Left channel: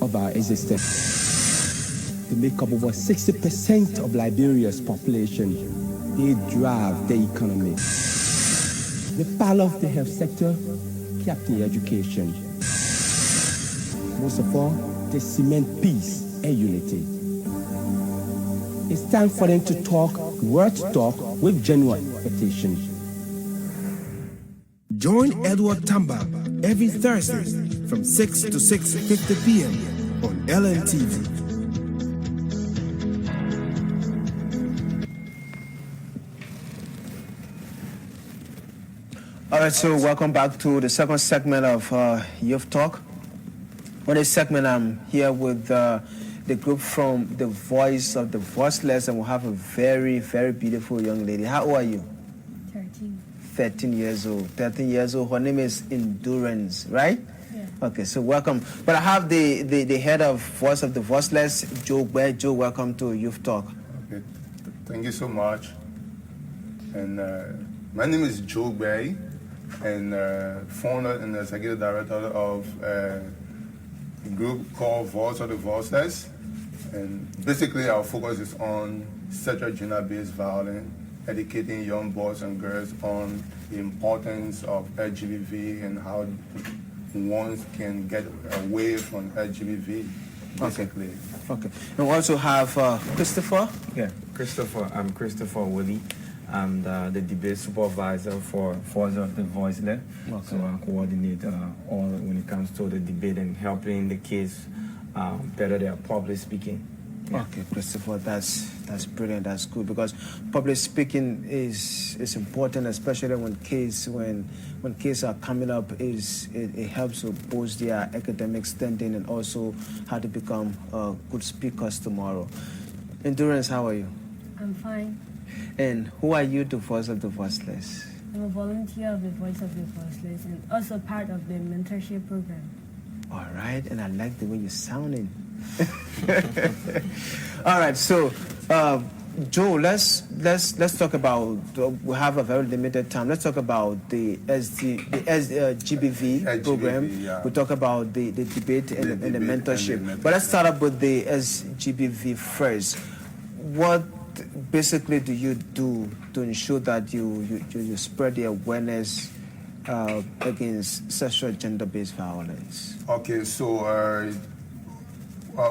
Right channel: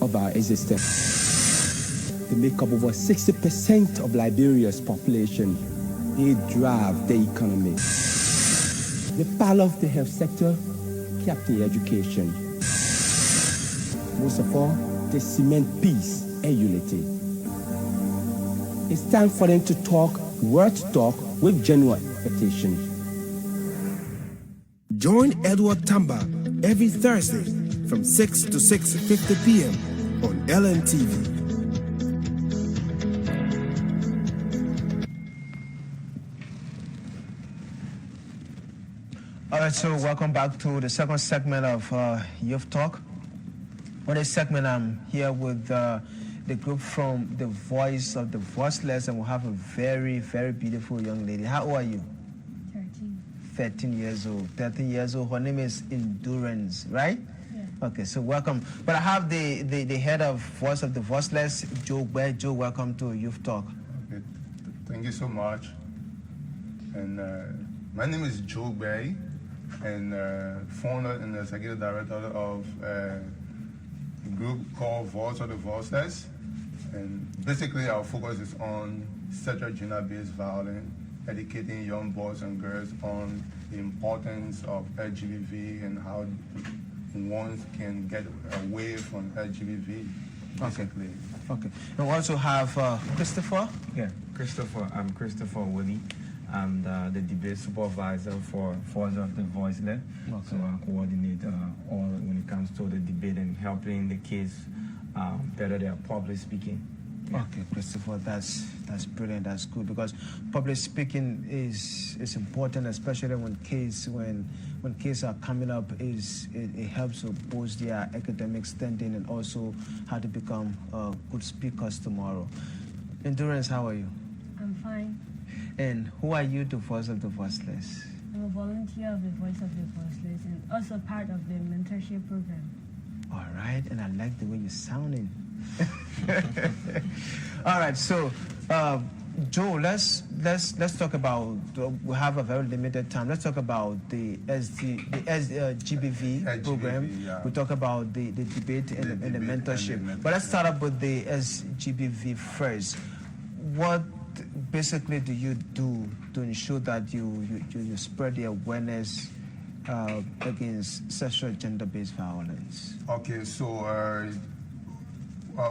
of our existence. They make up over 60% of Liberia's population. They drive the economy. The power of the health sector kept in education. Most of all, they cement peace and unity. It's time for them to talk, worth talk with genuine expectation. Join Edward Tamba every Thursday from 6 to 6:50 p.m. on Lernen TV. All right, so welcome back to the second segment of Youth Talk. On this segment, I'm here with the group from the Voice of the Voiceless, and we'll have a very, very beautiful young lady. How old are you? 13. 13 years old. 13 years old. Her name is Endurance, right? Yeah. Okay, so welcome. But I have the head of Voice of the Voiceless, Joe Bear. Joe, welcome to Youth Talk. Okay. Thank you so much. And my name is Joe Bear, and founder and executive director of a group called Voice of the Voiceless. And basically our focus is on sexual gender-based violence, educating young boys and girls on the importance of LGBT and how one can get away from LGBT, basically. Okay. And we also have Christopher. Yeah, I'm Christopher Willie. I'm the debate supervisor for Voice of the Voiceless. Okay. So I coordinate all when it comes to the debate and helping the kids better their public speaking. Yeah. Okay, Christopher, that's brilliant. That's good, because public speaking is important, especially when kids are coming up. It helps to boost their academic standing and also how to become good speakers tomorrow. Endurance, how are you? I'm fine. And who are you, the Voice of the Voiceless? I'm a volunteer of the Voice of the Voiceless and also part of the mentorship program. All right, and I like the way you're sounding. All right, so Joe, let's talk about. We have a very limited time. Let's talk about the GBV program. Yeah. We talk about the debate and the mentorship. But let's start up with the SGBV first. What basically do you do to ensure that you spread the awareness against sexual gender-based violence? Okay, so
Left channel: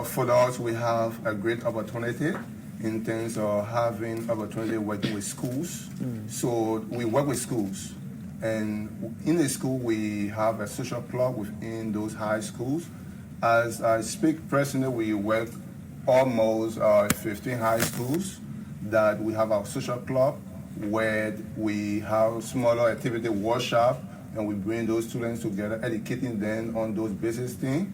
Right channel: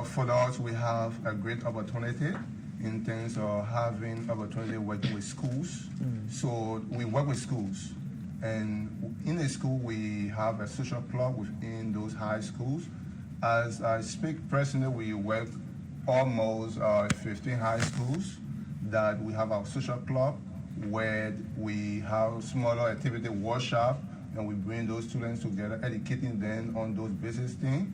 for us, we have a great opportunity in terms of having opportunity working with schools. So we work with schools, and in the school we have a social club within those high schools. As I speak personally, we work almost 15 high schools that we have our social club, where we have smaller activity workshop, and we bring those students together, educating them on those basic things.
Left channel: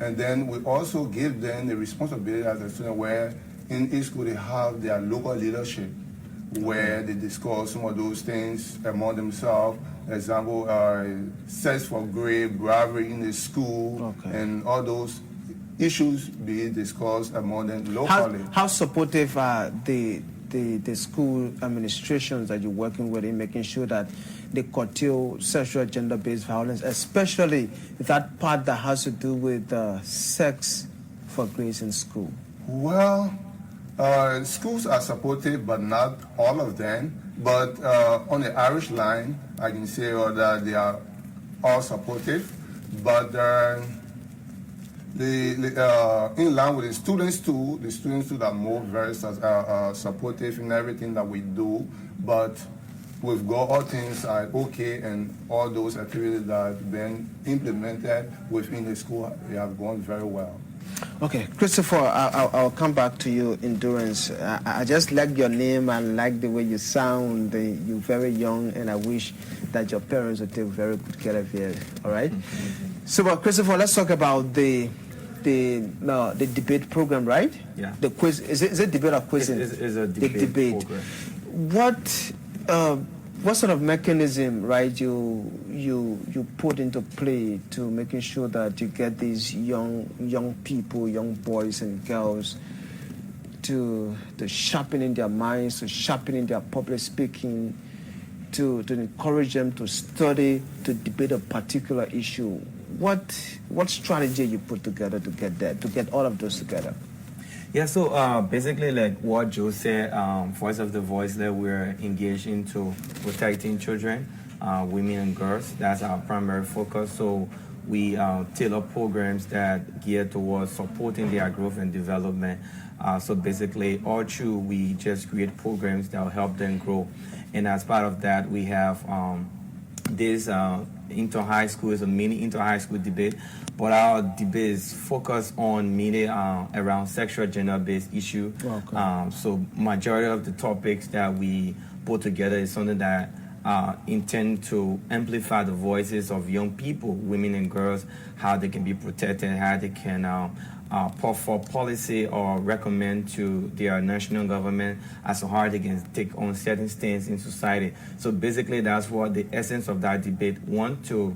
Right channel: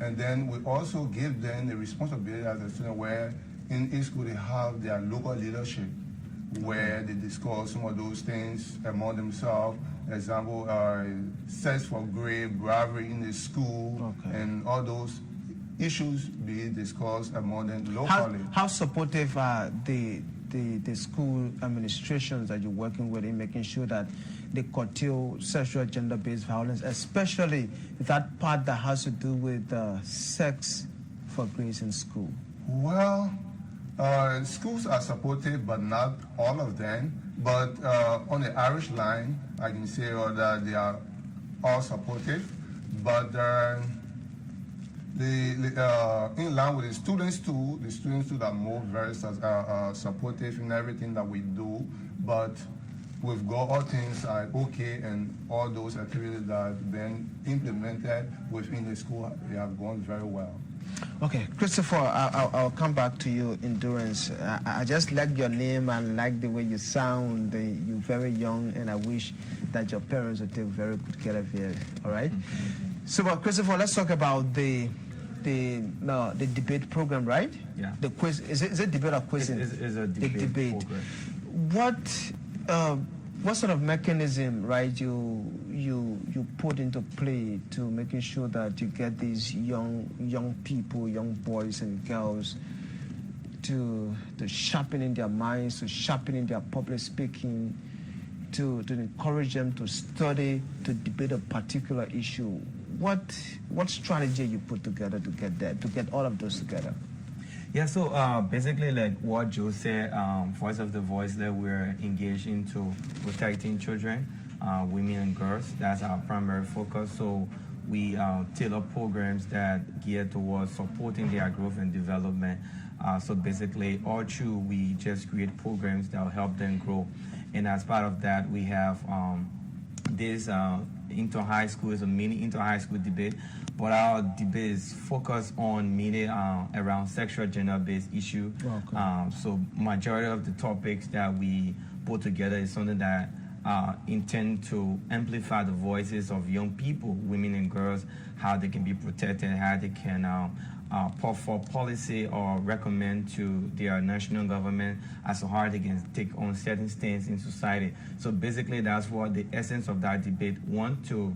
And then we also give them the responsibility as a student, where in each school they have their local leadership, where they discuss some of those things among themselves. Example, sex for grade, bribery in the school, and all those issues being discussed among them locally. How supportive are the school administrations that you're working with in making sure that they curtail sexual gender-based violence, especially that part that has to do with sex for grades in school? Well, schools are supportive, but not all of them. But on the Irish line, I can say that they are all supportive. But in line with the students too are more very supportive in everything that we do. But we've got all things are okay, and all those activities that have been implemented within the school, they have gone very well. Okay, Christopher, I'll come back to you, Endurance. I just like your name. I like the way you sound. You're very young, and I wish that your parents would take very good care of you. All right? So, Christopher, let's talk about the debate program, right? Yeah. The quiz. Is it debate or quiz? It's a debate What program. sort of mechanism, right, you put into play to making sure that you get these young people, young boys and girls to sharpening their minds, to sharpening their public speaking, to encourage them to study, to debate a particular issue? what strategy you put together to get all of those together? Yeah, so basically, like what Joe said, Voice of the Voiceless, we're engaged into protecting children, women and girls. That's our primary focus. So we tailor programs that gear towards supporting their growth and development. So basically, all through, we just create programs that will help them grow. And as part of that, we have this inter-high school, is a mini inter-high school debate. But our debate is focused on mainly around sexual gender-based issue. Okay. So majority of the topics that we put together is something that intend to amplify the voices of young people, women and girls, how they can be protected, how they can put for policy or recommend to their national government as to how they can take on certain stands in society. So basically, that's what the essence of that debate want to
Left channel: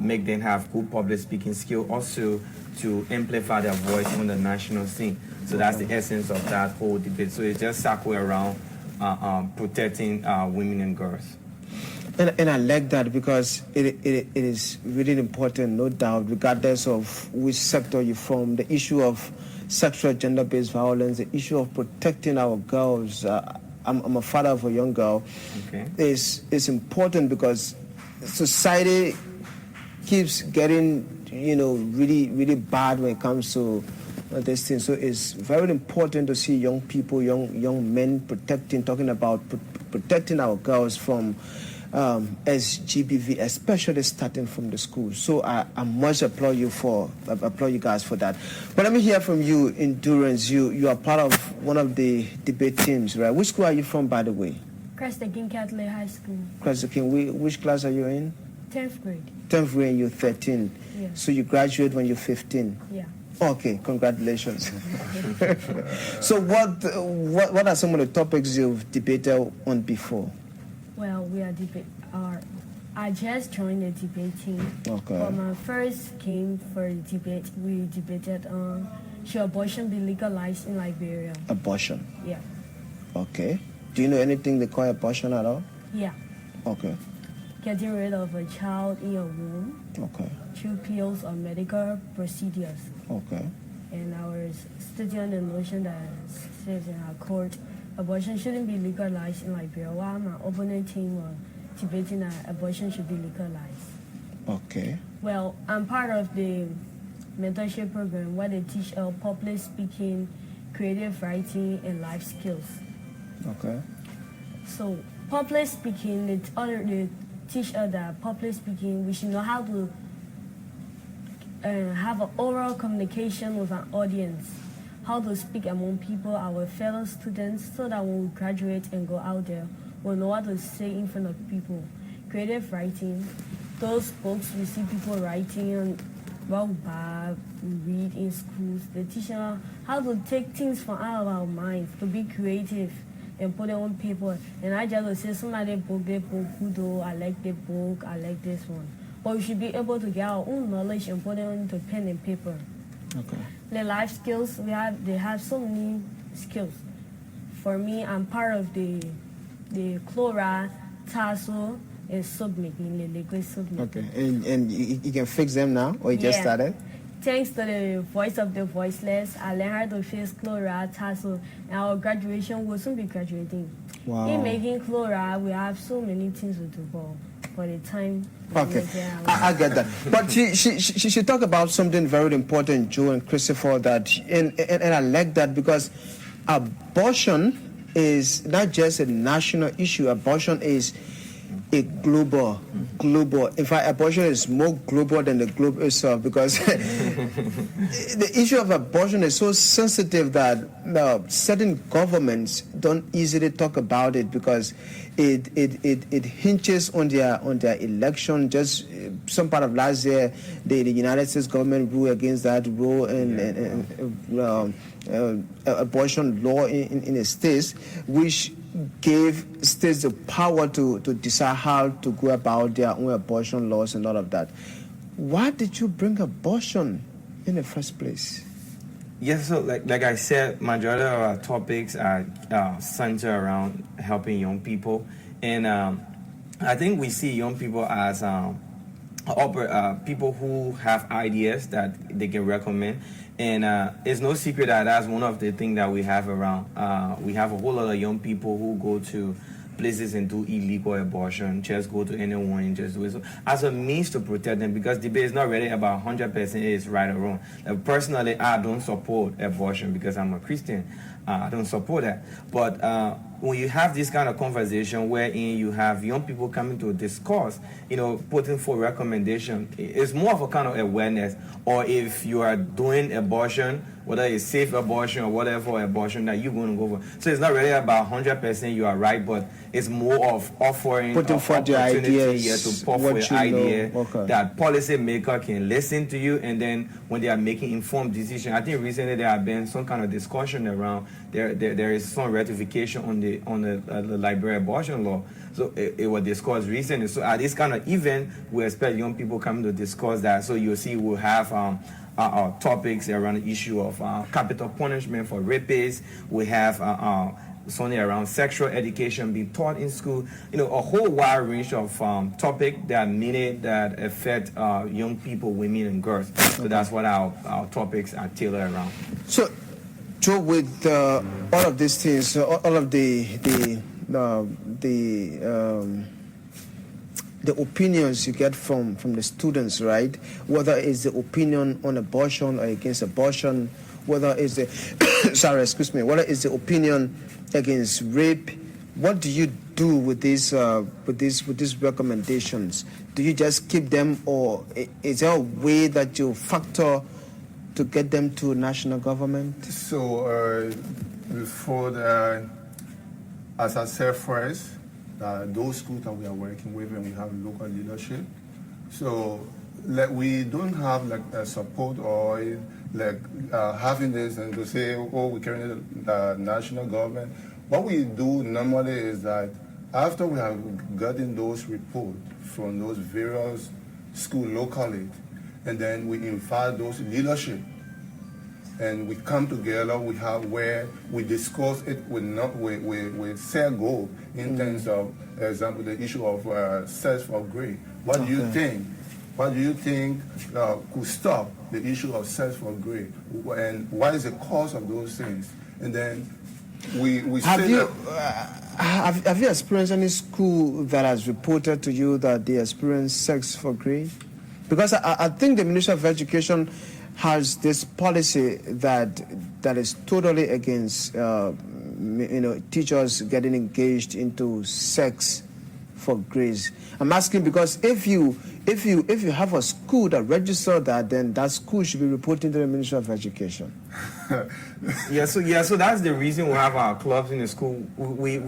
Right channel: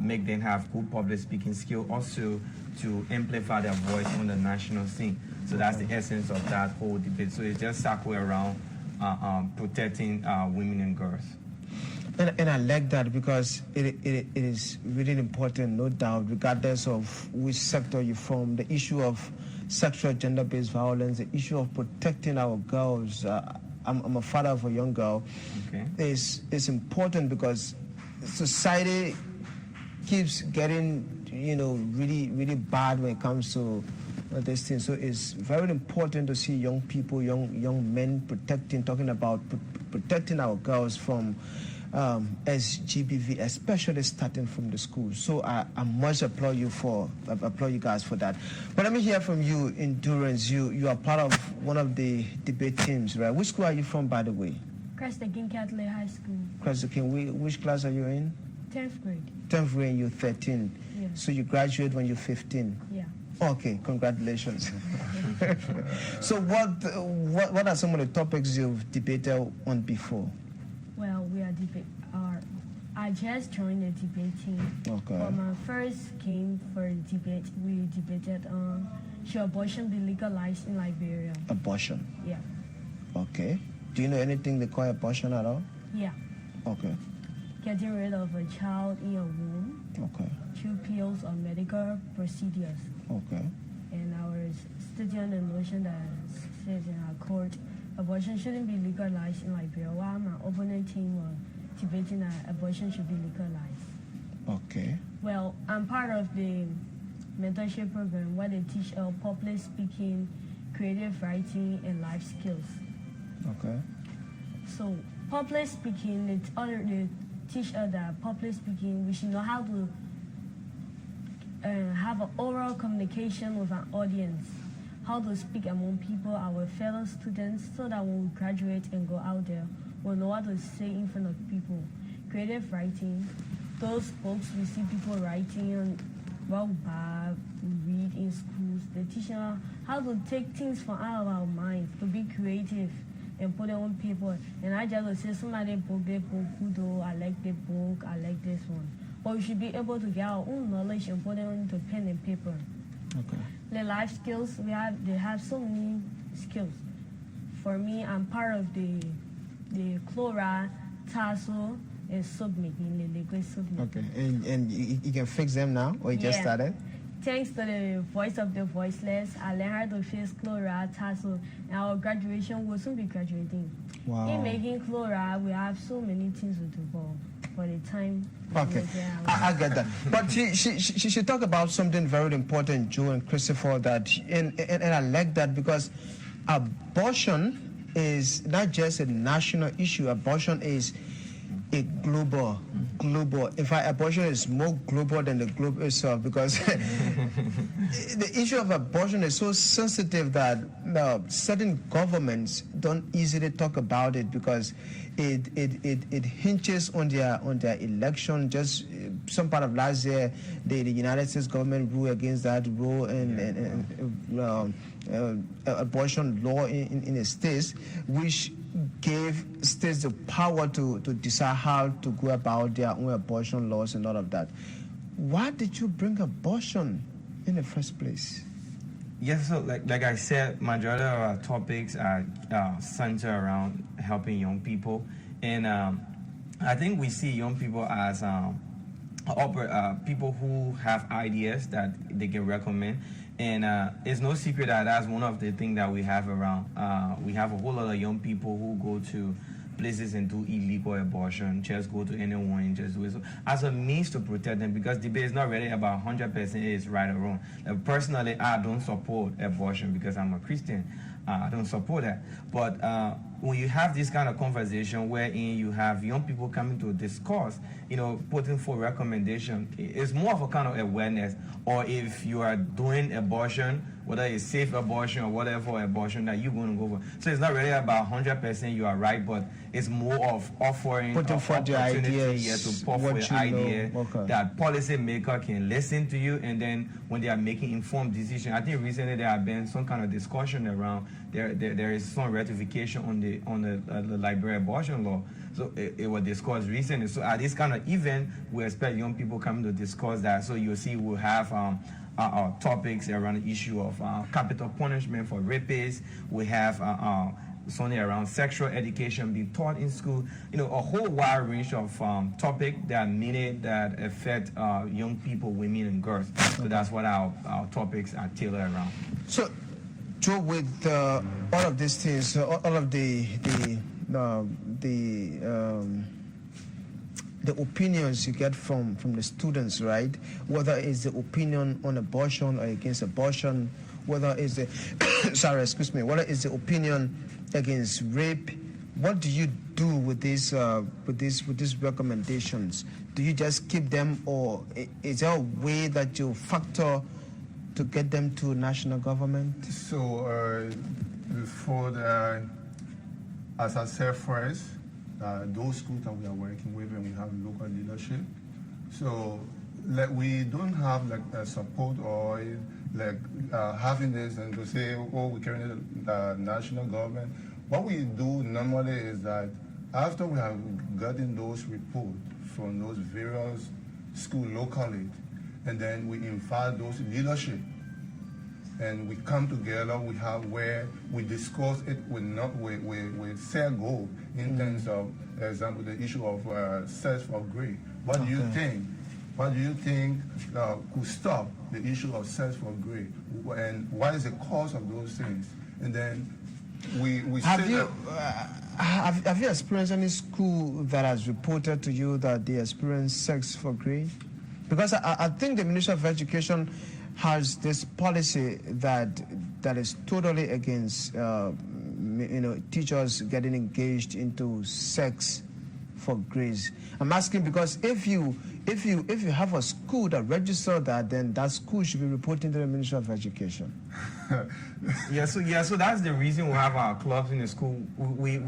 make them have good public speaking skill, also to amplify their voice on the national scene. So that's the essence of that whole debate. So it just circle around protecting women and girls. And I like that because it is really important, no doubt, regardless of which sector you from. The issue of sexual gender-based violence, the issue of protecting our girls. I'm a father of a young girl. Okay. Is important because society keeps getting, really bad when it comes to this thing. So it's very important to see young people, young men talking about protecting our girls from SGBV, especially starting from the school. So I must applaud you guys for that. But let me hear from you, Endurance. You are part of one of the debate teams, right? Which school are you from, by the way? Crested King Catholic High School. Crested King. Which class are you in? 10th grade. 10th grade, and you're 13. Yeah. So you graduate when you're 15. Yeah. Okay, congratulations. So what are some of the topics you've debated on before? Well, I just joined the debate team. Okay. For my first game for the debate, we debated on should abortion be legalized in Liberia. Abortion. Yeah. Okay. Do you know anything they call abortion at all? Yeah. Okay. Getting rid of a child in your womb Okay. through pills or medical procedures. Okay. And I was studying on the motion that says in our court, abortion shouldn't be legalized in Liberia, while my opponent team were debating that abortion should be legalized. Okay. Well, I'm part of the mentorship program where they teach public speaking, creative writing, and life skills. Okay. So public speaking, they teach us that public speaking, we should know how to have an oral communication with an audience, how to speak among people, our fellow students, so that when we graduate and go out there, we'll know what to say in front of people. Creative writing, those books we see people writing about we read in schools, they teach us how to take things from out of our minds, to be creative and put it on paper. And I just say somebody book, who I like the book, I like this one. But we should be able to get our own knowledge and put it onto pen and paper. Okay. The life skills they have so many skills. For me, I'm part of the chloride, tassel, and submaking, the liquid submaking. Okay. And you can fix them now, or you just started? Thanks to the Voice of the Voiceless, I learned how to fix chloride, tassel, and our graduation will soon be graduating. Wow. In making chloride, we have so many things to do for the time. Okay, I get that. But she talked about something very important, Joe and Christopher, and I like that because abortion is not just a national issue. Abortion is a global. In fact, abortion is more global than the globe itself because the issue of abortion is so sensitive that certain governments don't easily talk about it because it hinges on their election. Just some part of last year, the United States government ruled against that rule and abortion law in the states, which gave states the power to decide how to go about their own abortion laws and all of that. Why did you bring abortion in the first place? Yes, so like I said, majority of our topics are centered around helping young people, and I think we see young people as people who have ideas that they can recommend. And it's no secret that that's one of the things that we have around. We have a whole lot of young people who go to places and do illegal abortion, just go to anyone and just do it. So as a means to protect them, because debate is not really about 100% is right or wrong. Personally, I don't support abortion because I'm a Christian. I don't support that. But when you have this kind of conversation wherein you have young people coming to discuss, putting for recommendation, it's more of a kind of awareness. Or if you are doing abortion, whether it's safe abortion or whatever abortion that you're going to go for. So it's not really about 100% you are right, but it's more of offering putting forth the ideas, to put forth an idea that policymaker can listen to you, and then when they are making informed decisions. I think recently there have been some kind of discussion around there is some ratification on the Liberia abortion law. So it was discussed recently. So at this kind of event, we expect young people coming to discuss that. So you'll see we'll have topics around the issue of capital punishment for rapists. We have something around sexual education being taught in school. A whole wide range of topics that affect young people, women, and girls. So that's what our topics are tailored around. So, Joe, with all of these things, all of the opinions you get from the students, right? Whether it's the opinion on abortion or against abortion, whether it's the whether it's the opinion against rape, what do you do with these recommendations? Do you just keep them, or is there a way that you factor to get them to national government? So as I said first, those schools that we are working with, and we have local leadership. So we don't have a support or having this and to say, we carry the national government. What we do normally is that after we have gotten those reports from those various schools locally, and then we invite those leadership, and we come together. We have where we discuss it with set goal in terms of, for example, the issue of sex for grade. What do you think? What do you think could stop the issue of sex for grade? And what is the cause of those things? And then we have you experienced any school that has reported to you that they experience sex for grade? Because I think the Ministry of Education has this policy that is totally against teachers getting engaged into sex for grades. I'm asking because if you have a school that registered that, then that school should be reporting to the Ministry of Education. So that's the reason we have our clubs in the school. We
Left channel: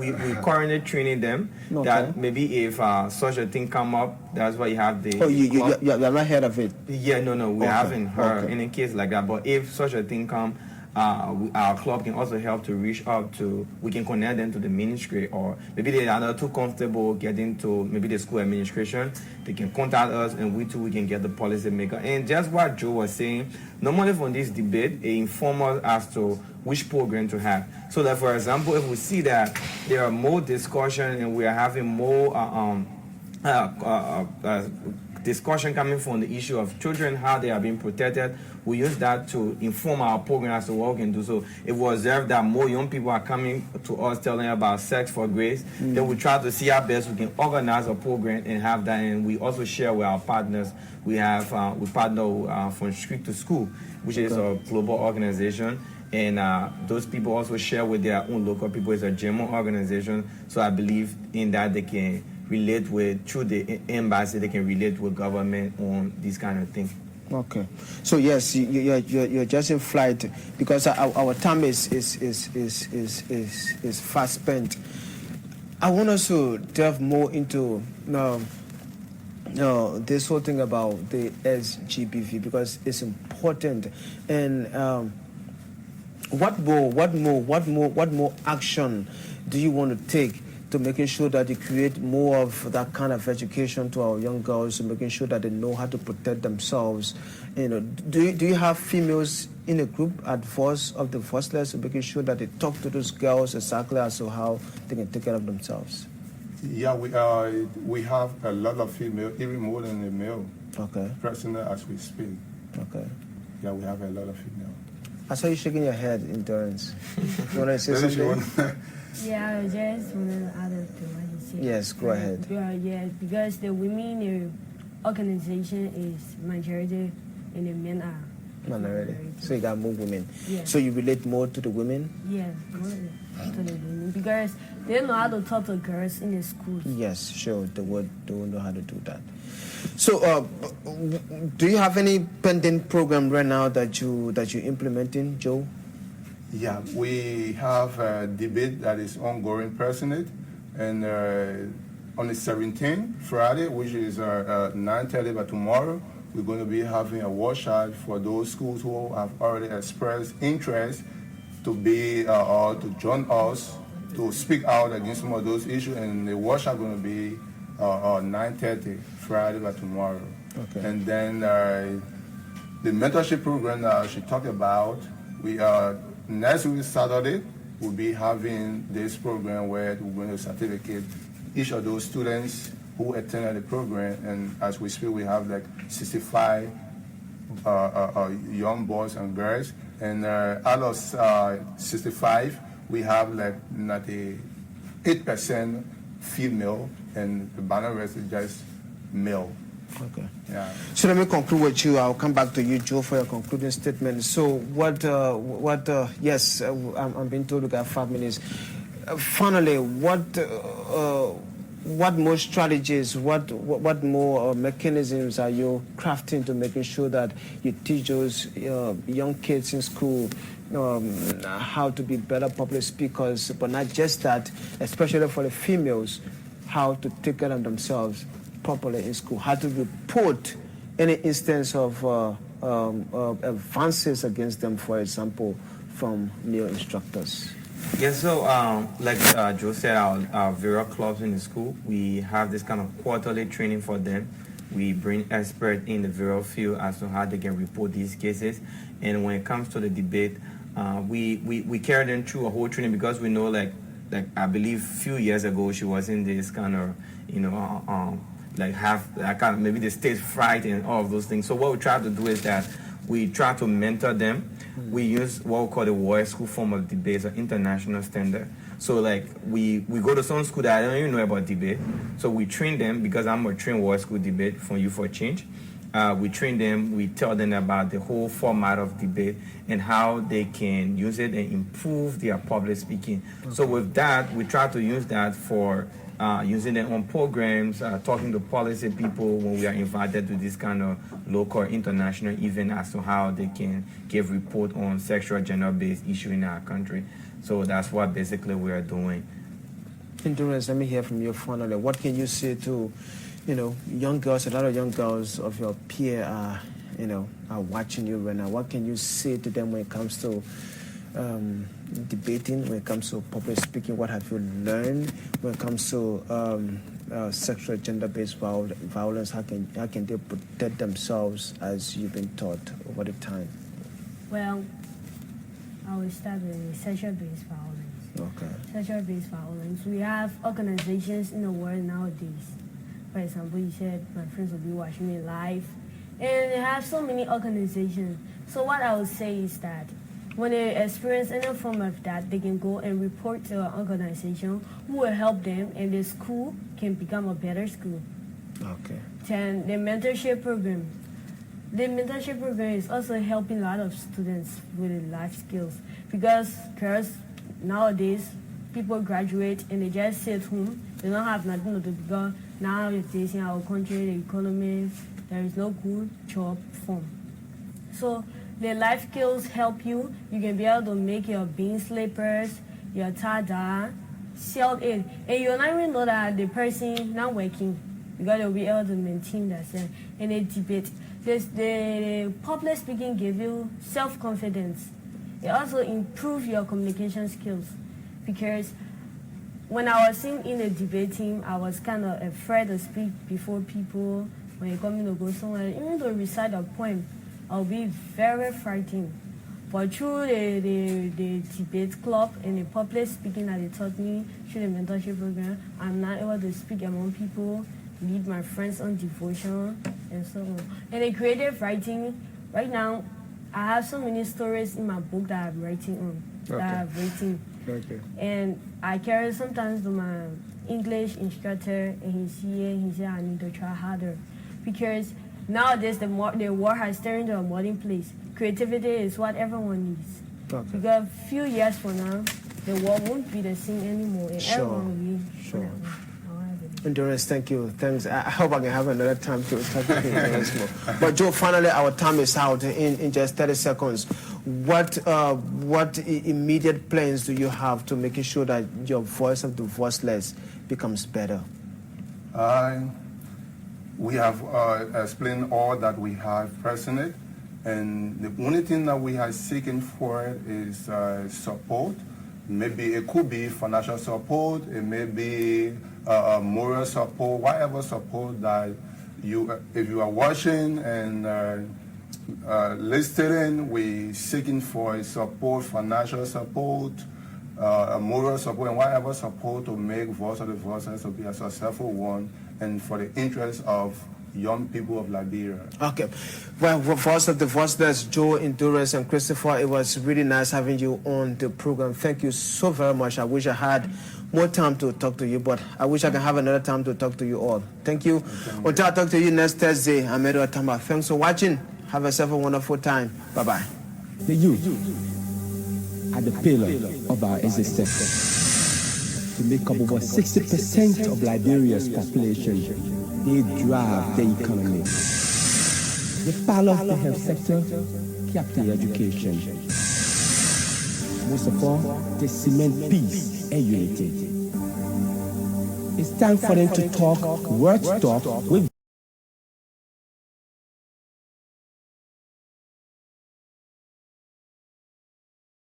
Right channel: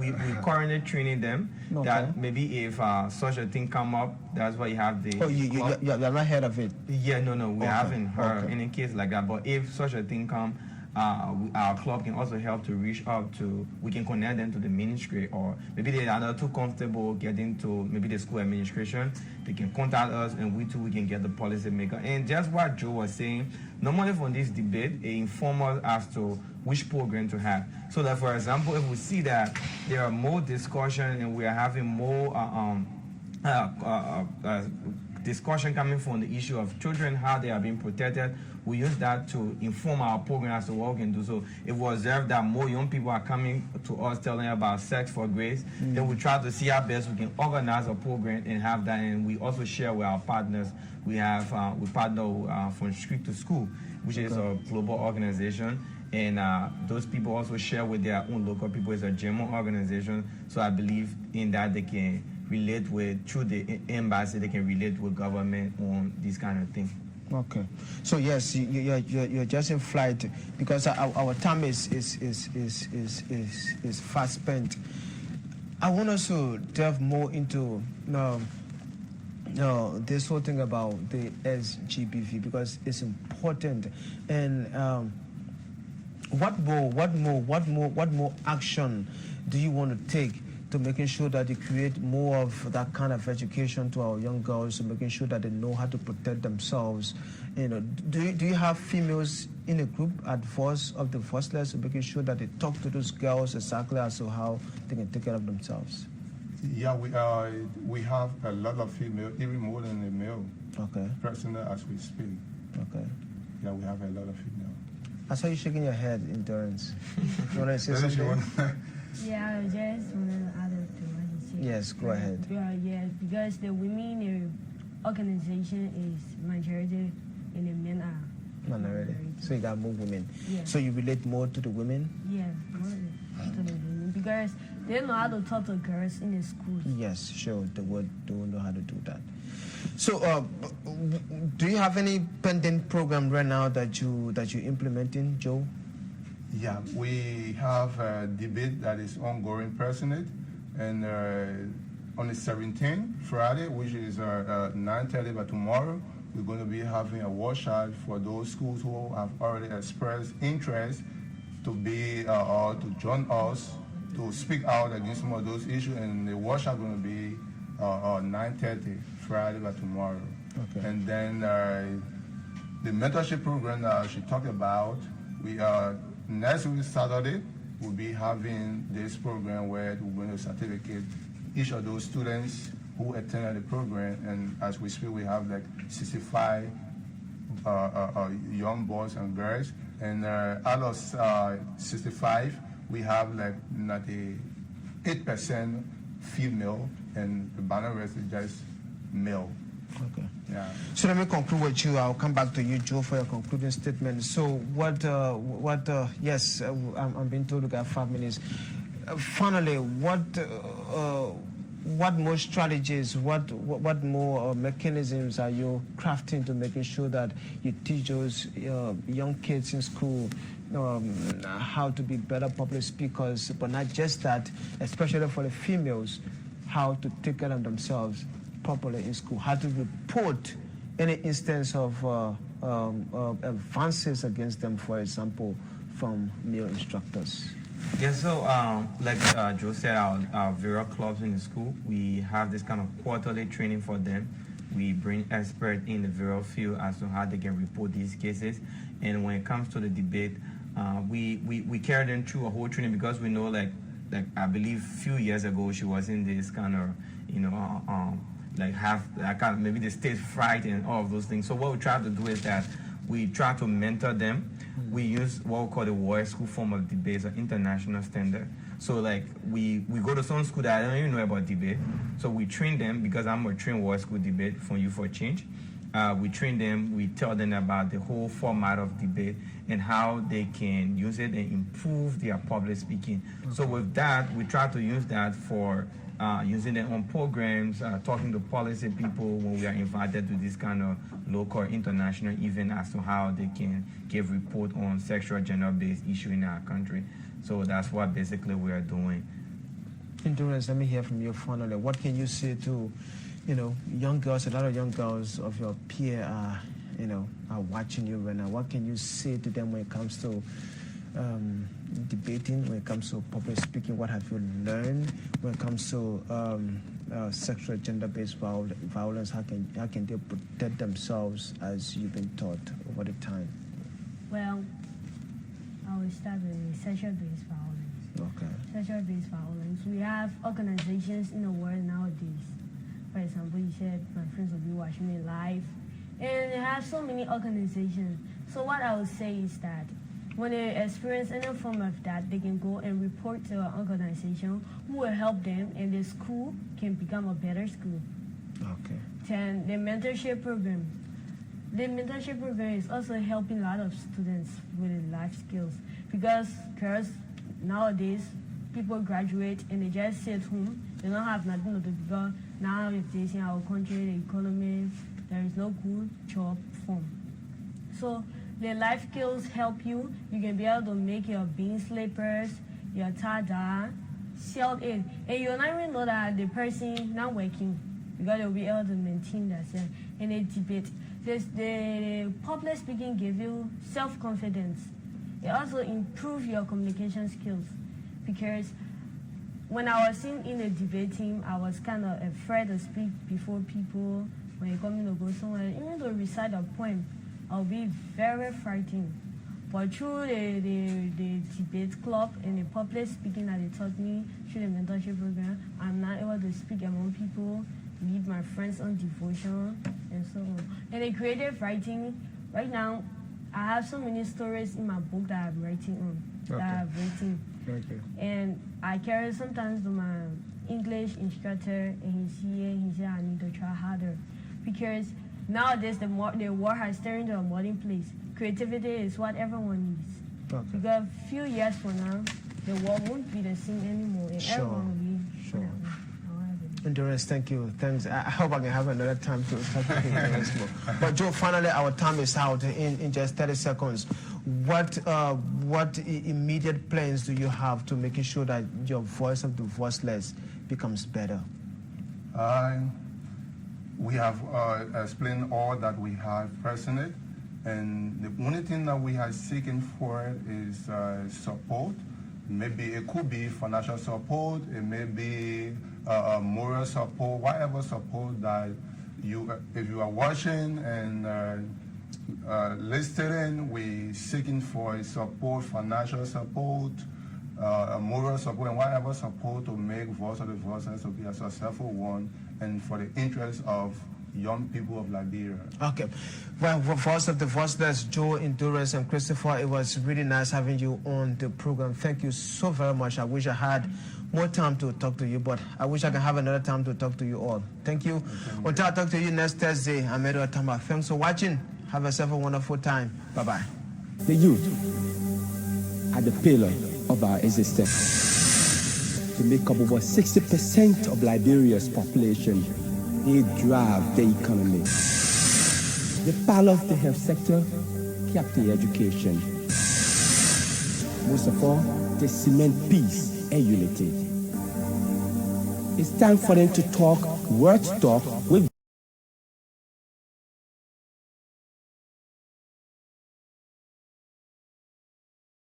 currently training them that maybe if such a thing come up, that's why you have the. Oh, you're not heard of it? Yeah, no, we haven't heard any case like that. But if such a thing come, our club can also help to reach out to. We can connect them to the ministry, or maybe they are not too comfortable getting to maybe the school administration. They can contact us, and we can get the policy maker. And just what Joe was saying, normally from this debate, it informs us as to which program to have. So that, for example, if we see that there are more discussion and we are having more discussion coming from the issue of children, how they are being protected, we use that to inform our program as to what we can do. So if we observe that more young people are coming to us telling about sex for grace, then we try to see how best we can organize a program and have that. And we also share with our partners. We have we partner from Street to School, which is a global organization. And those people also share with their own local people. It's a German organization. So I believe in that they can relate with, through the embassy, they can relate with government on these kind of things. Okay, so yes, you're just in flight because our time is fast spent. I want us to delve more into this whole thing about the SGBV because it's important. And what more action do you want to take to making sure that you create more of that kind of education to our young girls, and making sure that they know how to protect themselves? Do you have females in a group at Voice of the Voiceless, making sure that they talk to those girls exactly as to how they can take care of themselves? Yeah, we have a lot of female, even more than the male. Okay. Personally, as we speak. Okay. Yeah, we have a lot of female. I saw you shaking your head, Endurance. You want to say That is something? one. Yeah, I just added to what you said. Yes, go ahead. Yeah, because the women organization is majority and the men are Minority. So you got more women. Yeah. So you relate more to the women? Yeah, more to the women because they know how to talk to girls in the schools. Yes, sure. They would know how to do that. So, do you have any pending program right now that you're implementing, Joe? Yeah, we have a debate that is ongoing personally, and on the 17th, Friday, which is 9:30 by tomorrow, we're going to be having a workshop for those schools who have already expressed interest to be or to join us to speak out against some of those issues, and the workshop going to be 9:30 Friday by tomorrow. Okay. And then the mentorship program that she talked about, we are next week Saturday we'll be having this program where we're going to certificate each of those students who attended the program, and as we speak we have like 65 young boys and girls, and out of 65 we have like 98% female, and the balance rest is just male. Okay. Yeah. So let me conclude with you. I'll come back to you, Joe, for your concluding statement. So yes, I'm being told we got 5 minutes. Finally, what more strategies, what more mechanisms are you crafting to making sure that you teach those young kids in school how to be better public speakers, but not just that, especially for the females, how to take care of themselves properly in school, how to report any instance of advances against them, for example, from new instructors? Yes, so like Joe said, our various clubs in the school, we have this kind of quarterly training for them. We bring experts in the various field as to how they can report these cases. And when it comes to the debate, we carry them through a whole training, because we know, like I believe a few years ago, she was in this kind of, maybe the stage fright and all of those things. So what we try to do is that we try to mentor them. We use what we call the World School form of debate, an international standard. So like we go to some school that I don't even know about debate. So we train them, because I'm a trained World School debate from Youth for Change. We train them, we tell them about the whole format of debate and how they can use it and improve their public speaking. Okay. So with that, we try to use that for using it on programs, talking to policy people when we are invited to this kind of local or international event as to how they can give report on sexual gender-based issue in our country. So that's what basically we are doing. Endurance, let me hear from you finally. What can you say to, young girls, a lot of young girls of your peer are watching you right now? What can you say to them when it comes to debating, when it comes to public speaking? What have you learned when it comes to sexual gender-based violence? How can they protect themselves as you've been taught over the time? Well, I will start with sexual-based violence. Okay. Sexual-based violence. We have organizations in the world nowadays. For example, you said my friends will be watching it live, and they have so many organizations. So what I would say is that when they experience any form of that, they can go and report to an organization who will help them, and the school can become a better school. Okay. Then the mentorship program. The mentorship program is also helping a lot of students with life skills, because girls nowadays, people graduate and they just sit home. They don't have nothing to do, because nowadays in our country, the economy, there is no good job form. So the life skills help you. You can be able to make your bean slippers, your tada, sell it. And you'll not even know that the person not working, because they'll be able to maintain themselves in a debate. The public speaking gives you self-confidence. It also improves your communication skills, because when I was in the debate team, I was kind of afraid to speak before people. When you come in to go somewhere, even to recite a poem, I'll be very frightened. But through the debate club and the public speaking that they taught me through the mentorship program, I'm now able to speak among people, lead my friends on devotion, and so on. And the creative writing, right now, I have so many stories in my book that I'm writing on, that I've written. Okay. And I carry sometimes to my English instructor, and he said I need to try harder. Because nowadays the world has turned into a modern place. Creativity is what everyone needs. Okay. Because a few years from now, the world won't be the same anymore. And Sure. everyone will need. Sure. Endurance, thank you. Thanks. I hope I can have another time to talk to you once more. But Joe, finally, our time is out in just 30 seconds. What immediate plans do you have to making sure that your voice of the voiceless becomes better? We have explained all that we have personally, and the only thing that we are seeking for is support. Maybe it could be financial support, it may be moral support, whatever support that if you are watching and listening, we seeking for support, financial support, moral support, and whatever support to make Voice of the Voiceless to be a successful one and for the interest of young people of Liberia. Okay. Well, Voice of the Voiceless, Joe, Endurance, and Christopher, it was really nice having you on the program. Thank you so very much. I wish I had more time to talk to you, but I wish I can have another time to talk to you all. Thank you. Until I talk to you next Thursday, I'm Edward Tamba. Thanks for watching. Have yourself a wonderful time. Bye-bye. The youth are the pillar of our existence. They make up over 60% of Liberia's population. They drive the economy. The power of the health sector kept the education. Most of all, they cement peace and unity. It's time for them to talk, words talk with